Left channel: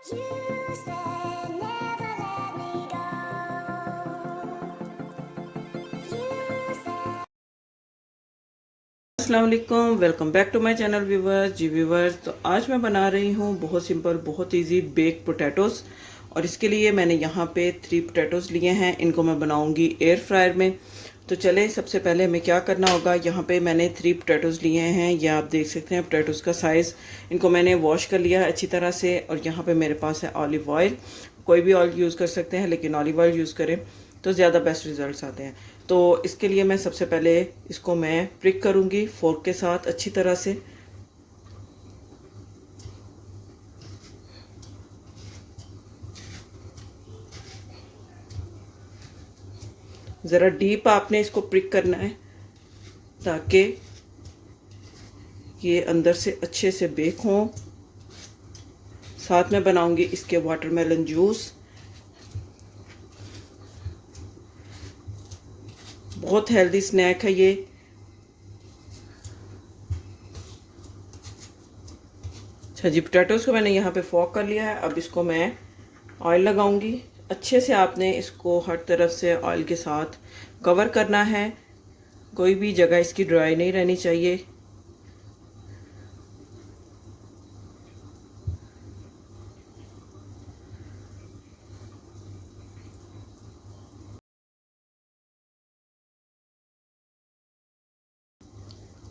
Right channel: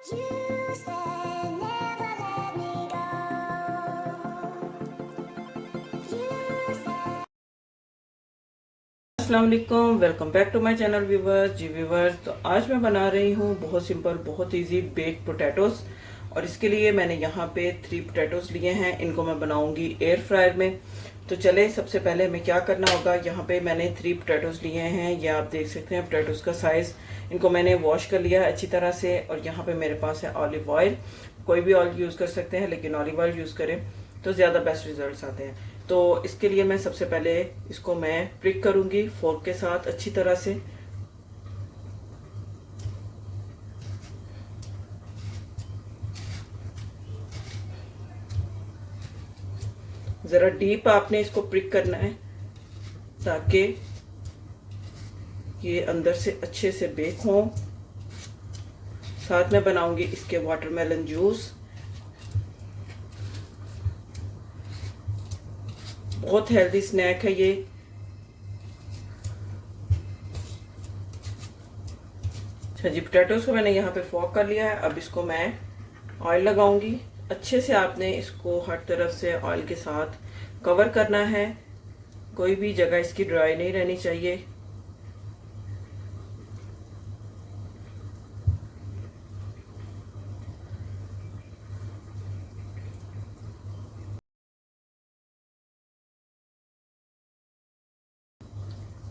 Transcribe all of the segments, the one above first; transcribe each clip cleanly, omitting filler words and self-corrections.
You said never let me go. You said अस्सलाम वालेकुम, welcome back to my channel viewers. जी viewers, तो आज मैं बना रही हूँ बहुत सिंपल बहुत इजी बेक पोटैटोस। और इसके लिए मैंने यहाँ पे 3 पोटैटोस लिए हैं। इनको मैं बनाऊंगी एयर फ्रायर में। तो चले, सबसे पहले हमें क्या करना होगा। यहाँ पे मैंने 3 पोटैटोस लिए हैं। ये आप देख सकते हैं पोटैटोस का साइज़। इनको मैंने वॉश कर लिया है अच्छी तरह से। और यहाँ पे मेरे पास है ऑलिव ऑयल। कोई भी ऑयल यूज़ कर सकते हैं, लेकिन ऑलिव ऑयल यूज़ करें तो ज़्यादा बेस्ट रिजल्ट्स आते हैं। तो इसके लिए मैं सबसे पहले इसको मैं प्रिक करूंगी फोर्क के साथ अच्छी तरह से। ज़रा डीप आपने इसको प्रिक करना है ताकि ये अंदर से अच्छे से बेक हों। साथ में बनाऊंगी इसके वाटरमेलन जूस। बहुत हेल्दी स्नैक है ये। अच्छा जी, पोटैटोस को मैंने यहाँ पे फोक कर लिया है। अब इसको मैं ऑयल लगाऊंगी। अच्छे से आपने इसको हर तरफ से ऑयल के साथ कवर करना है। कोई भी जगह इसकी ड्राई नहीं रहनी चाहिए।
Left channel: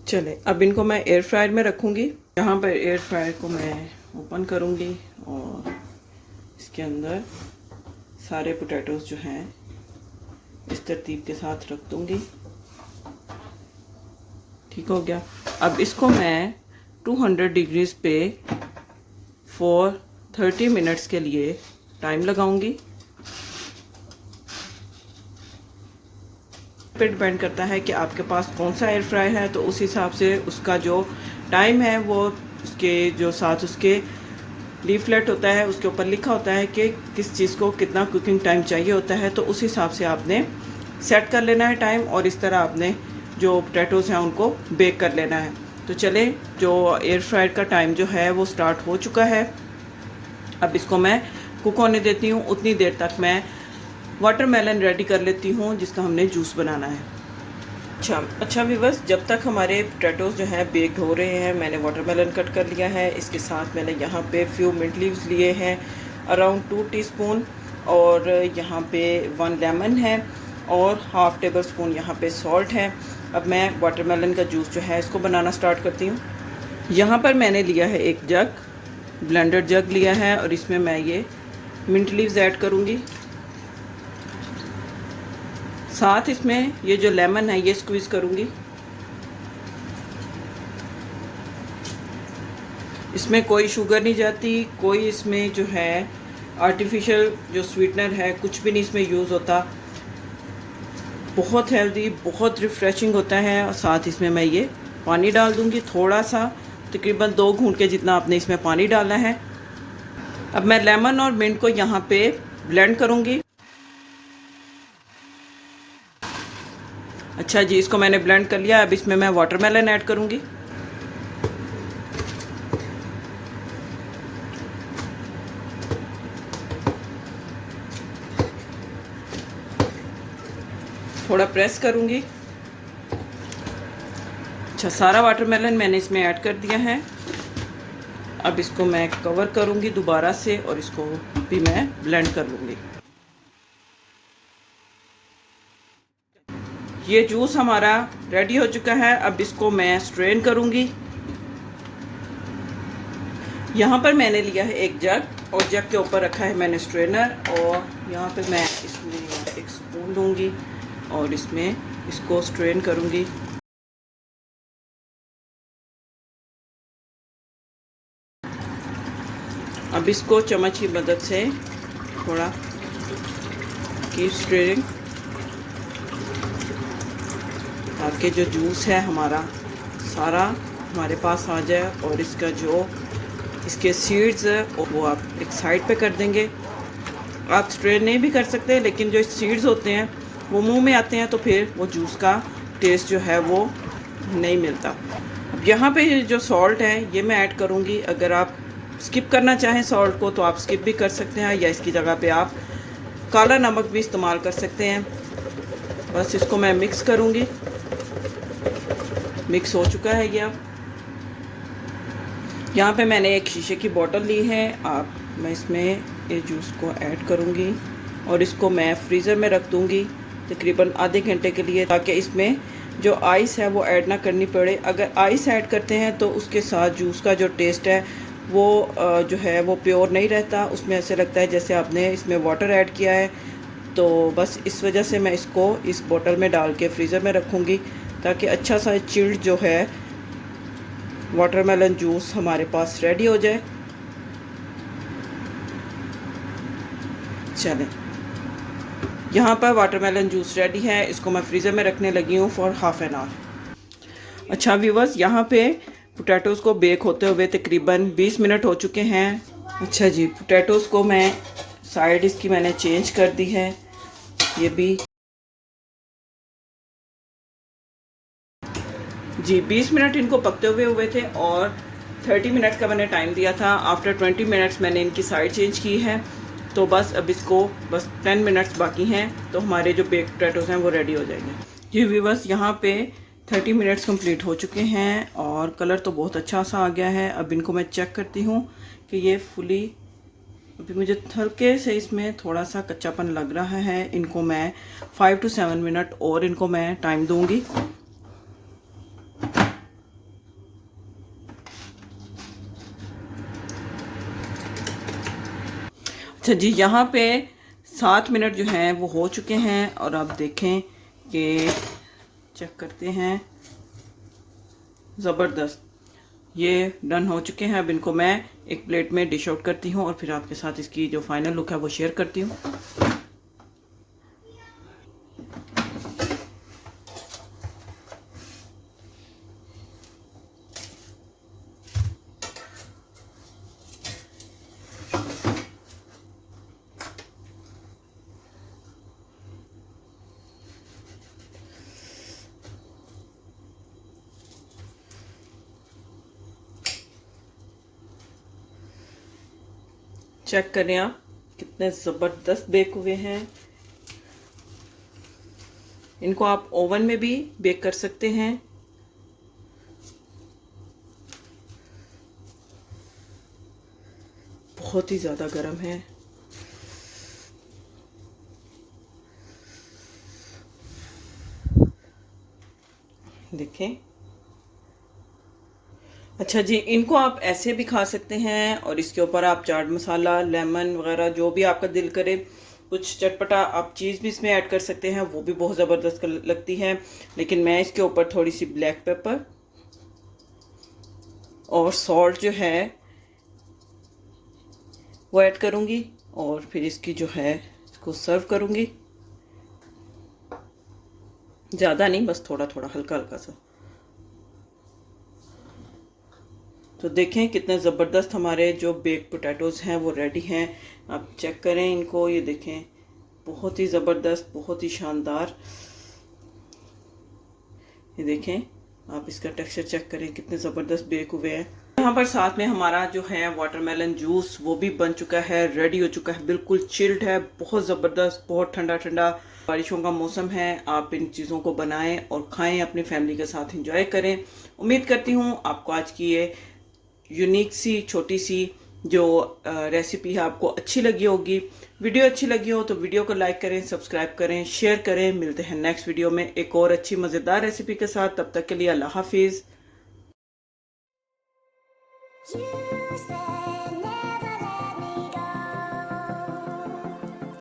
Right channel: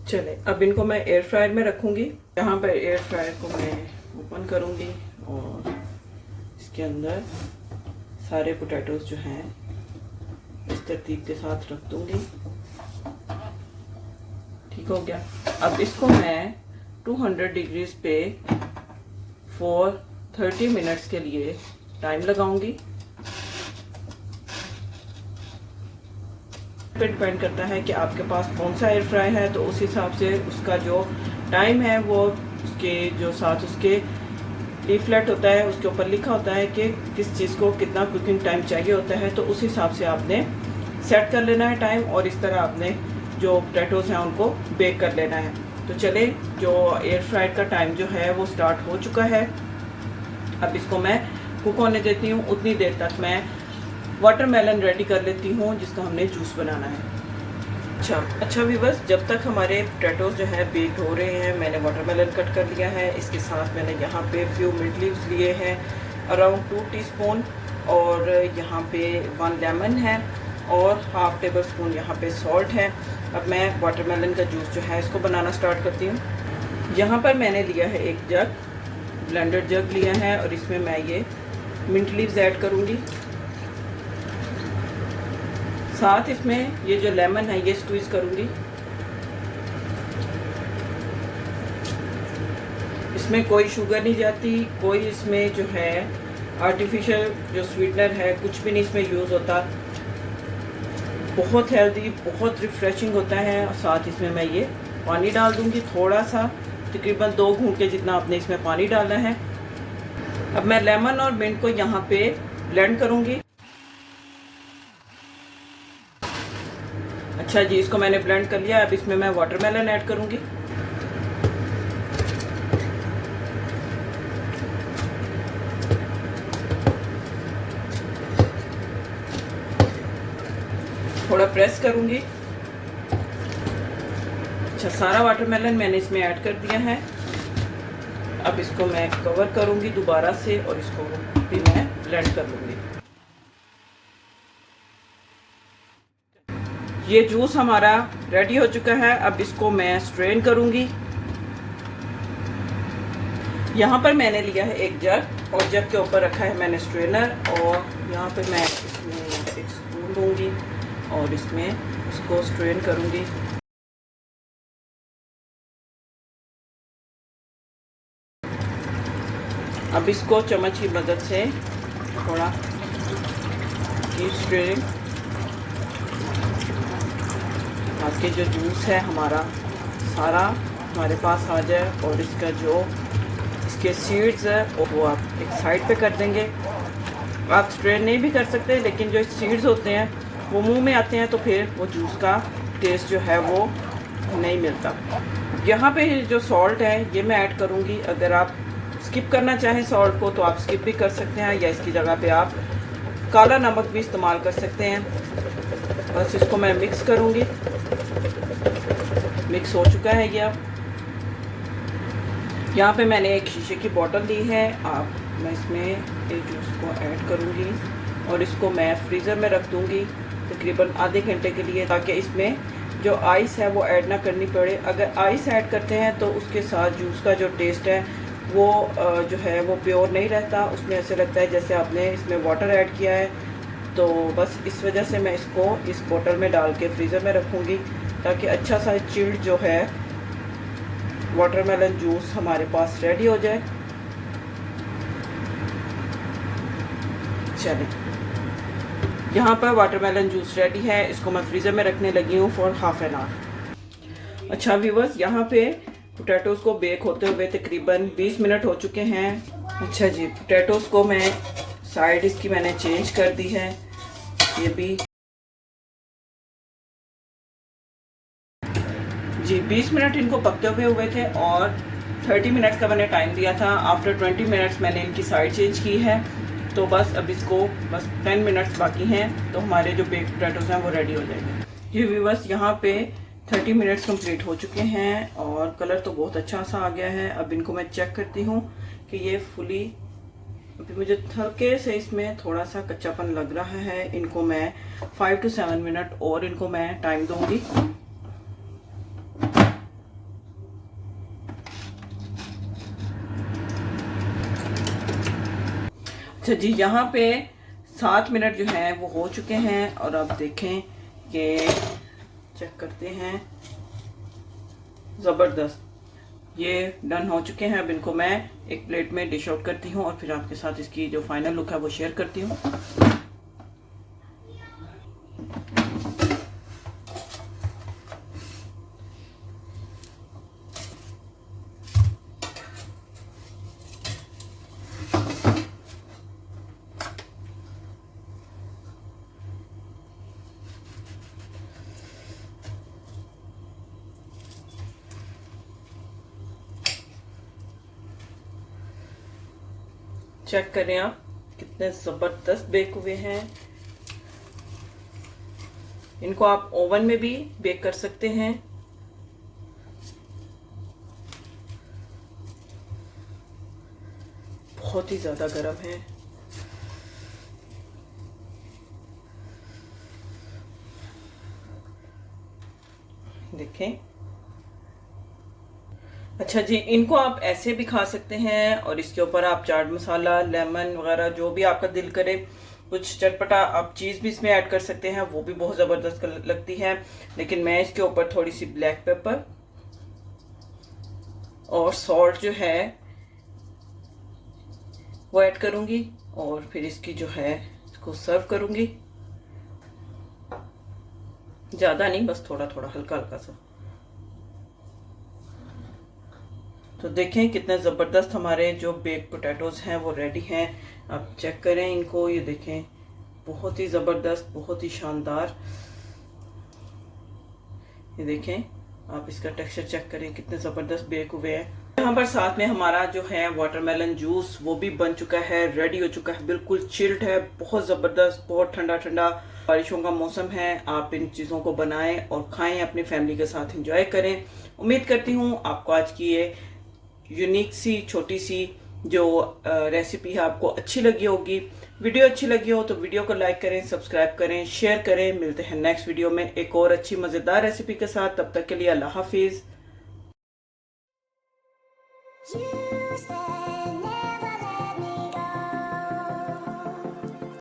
चले, अब इनको मैं एयर फ्रायर में रखूंगी। यहाँ पर एयर फ्रायर को मैं ओपन करूंगी और इसके अंदर सारे पोटैटोस जो हैं इस तरतीब के साथ रख दूंगी। ठीक हो गया। अब इसको मैं 200 डिग्रीज पे फॉर 30 मिनट्स के लिए टाइम लगाऊंगी। पे डिपेंड करता है कि आपके पास कौन सा एयर फ्राई है, तो उस हिसाब से उसका जो टाइम है वो उसके जो साथ उसके लीफलेट होता है उसके ऊपर लिखा होता है कि किस चीज़ को कितना कुकिंग टाइम चाहिए होता है। तो उस हिसाब से आपने सेट कर लेना है टाइम, और इस तरह आपने जो पोटैटोस हैं उनको बेक कर लेना है। तो चले, जो एयर फ्रायर का टाइम जो है वो स्टार्ट हो चुका है। अब इसको मैं कुक होने देती हूँ। उतनी देर तक मैं वाटरमेलन रेडी कर लेती हूँ जिसका हमने जूस बनाना है। अच्छा व्यूवर्स, जब तक हमारे पोटैटोस जो है बेक्ड हो रहे हैं, मैंने वाटरमेलन कट कर लिया है। इसके साथ मैंने यहाँ पे फ्यू मिंट लीव्स लिए हैं, अराउंड 2 टीस्पून, और यहाँ पे 1 लेमन है, और हाफ टेबल स्पून यहाँ पे सॉल्ट है। अब मैं वाटरमेलन का जूस जो है इसको बनाना स्टार्ट करती हूँ। यहाँ पर मैंने लिया है एक जग, ब्लेंडर जग लिया है, और इसमें मैं ये मिंट लीव्स ऐड करूँगी। साथ इसमें ये जो लेमन है ये स्क्वीज करूंगी। इसमें कोई शुगर नहीं जाती, कोई इसमें जो है आर्टिफिशियल जो स्वीटनर है कुछ भी नहीं इसमें यूज़ होता। बहुत हेल्दी, बहुत रिफ्रेशिंग होता है। और साथ इसमें मैं ये पानी डाल दूंगी थोड़ा सा, तकरीबन 2 घूंट के जितना आपने इसमें पानी डाला है। अब मैं लेमन और मिंट को यहाँ पे ब्लेंड करूंगी। अच्छा जी, इसको मैंने ब्लेंड कर लिया। अब इसमें मैं वाटरमेलन ऐड करूंगी। थोड़ा प्रेस करूंगी। अच्छा, सारा वाटरमेलन मैंने इसमें ऐड कर दिया है। अब इसको मैं कवर करूंगी दोबारा से, और इसको भी मैं ब्लेंड कर लूंगी। ये जूस हमारा रेडी हो चुका है। अब इसको मैं स्ट्रेन करूंगी। यहाँ पर मैंने लिया है एक जग, और जग के ऊपर रखा है मैंने स्ट्रेनर, और यहाँ पर मैं इसमें एक स्पून दूंगी और इसमें इसको स्ट्रेन करूंगी। अब इसको चम्मच की मदद से थोड़ा कीप स्ट्रेनिंग, ताकि जो जूस है हमारा सारा हमारे पास आ जाए, और इसका जो इसके सीड्स है वो आप एक साइड पे कर देंगे। आप स्ट्रेन नहीं भी कर सकते, लेकिन जो सीड्स होते हैं वो मुंह में आते हैं तो फिर वो जूस का टेस्ट जो है वो नहीं मिलता। यहाँ पे जो सॉल्ट है ये मैं ऐड करूँगी। अगर आप स्किप करना चाहें सॉल्ट को तो आप स्किप भी कर सकते हैं, या इसकी जगह पे आप काला नमक भी इस्तेमाल कर सकते हैं। बस इसको मैं मिक्स करूँगी। मिक्स हो चुका है ये। अब यहाँ पे मैंने एक शीशे की बोतल ली है। मैं इसमें ये जूस को ऐड करूँगी और इसको मैं फ्रीज़र में रख दूँगी तकरीबन आधे घंटे के लिए, ताकि इसमें जो आइस है वो ऐड ना करनी पड़े। अगर आइस ऐड करते हैं तो उसके साथ जूस का जो टेस्ट है वो जो है वो प्योर नहीं रहता, उसमें ऐसे लगता है जैसे आपने इसमें वाटर ऐड किया है। तो बस इस वजह से मैं इसको इस बोतल में डाल के फ्रीज़र में रखूँगी, ताकि अच्छा सा चिल्ड जो है वाटरमेलन जूस हमारे पास रेडी हो जाए। चलें, यहाँ पर वाटरमेलन जूस रेडी है। इसको मैं फ्रीज़र में रखने लगी हूँ फॉर हाफ एन आवर। अच्छा व्यूअर्स, यहाँ पे पोटैटोज़ को बेक होते हुए तकरीबन 20 मिनट हो चुके हैं। अच्छा जी, पोटैटोज़ को मैं साइड इसकी मैंने चेंज कर दी है। ये भी जी 20 मिनट इनको पकते हुए थे और 30 मिनट का मैंने टाइम दिया था। आफ्टर 20 मिनट्स मैंने इनकी साइड चेंज की है। तो बस अब इसको 10 मिनट्स बाकी हैं तो हमारे जो बेक पोटैटोज़ हैं वो रेडी हो जाएंगे। जी व्यूअर्स, यहाँ पे 30 मिनट्स कंप्लीट हो चुके हैं और कलर तो बहुत अच्छा सा आ गया है। अब इनको मैं चेक करती हूँ कि ये फुली, अभी मुझे हल्के से इसमें थोड़ा सा कच्चापन लग रहा है। इनको मैं 5 to 7 मिनट और इनको मैं टाइम दूंगी। अच्छा जी, यहाँ पे 7 मिनट जो हैं वो हो चुके हैं और आप देखें कि चेक करते हैं, ज़बरदस्त ये डन हो चुके हैं। अब इनको मैं एक प्लेट में डिश आउट करती हूँ और फिर आपके साथ इसकी जो फाइनल लुक है वो शेयर करती हूँ। चेक करें आप कितने ज़बरदस्त बेक हुए हैं। इनको आप ओवन में भी बेक कर सकते हैं। बहुत ही ज़्यादा गर्म है। देखें। अच्छा जी, इनको आप ऐसे भी खा सकते हैं और इसके ऊपर आप चाट मसाला, लेमन वगैरह जो भी आपका दिल करे, कुछ चटपटा आप चीज़ भी इसमें ऐड कर सकते हैं, वो भी बहुत ज़बरदस्त लगती है। लेकिन मैं इसके ऊपर थोड़ी सी ब्लैक पेपर और सॉल्ट जो है वो ऐड करूँगी और फिर इसकी जो है इसको सर्व करूँगी। ज़्यादा नहीं, बस थोड़ा थोड़ा हल्का हल्का सा। तो देखें कितने ज़बरदस्त हमारे जो बेक पोटैटोज़ हैं वो रेडी हैं। आप चेक करें इनको, ये देखें बहुत ही ज़बरदस्त, बहुत ही शानदार। ये देखें आप इसका टेक्सचर चेक करें कितने ज़बरदस्त बेक हुए हैं। यहाँ पर साथ में हमारा जो है वाटरमेलन जूस वो भी बन चुका है, रेडी हो चुका है, बिल्कुल चिल्ड है, बहुत ज़बरदस्त, बहुत ठंडा ठंडा। बारिशों का मौसम है, आप इन चीज़ों को बनाएं और खाएं, अपनी फैमिली के साथ एंजॉय करें। उम्मीद करती हूँ आपको आज की ये यूनिक सी छोटी सी जो रेसिपी है आपको अच्छी लगी होगी। वीडियो अच्छी लगी हो तो वीडियो को लाइक करें, सब्सक्राइब करें, शेयर करें। मिलते हैं नेक्स्ट वीडियो में एक और अच्छी मज़ेदार रेसिपी के साथ। तब तक के लिए अल्लाह हाफिज़। You said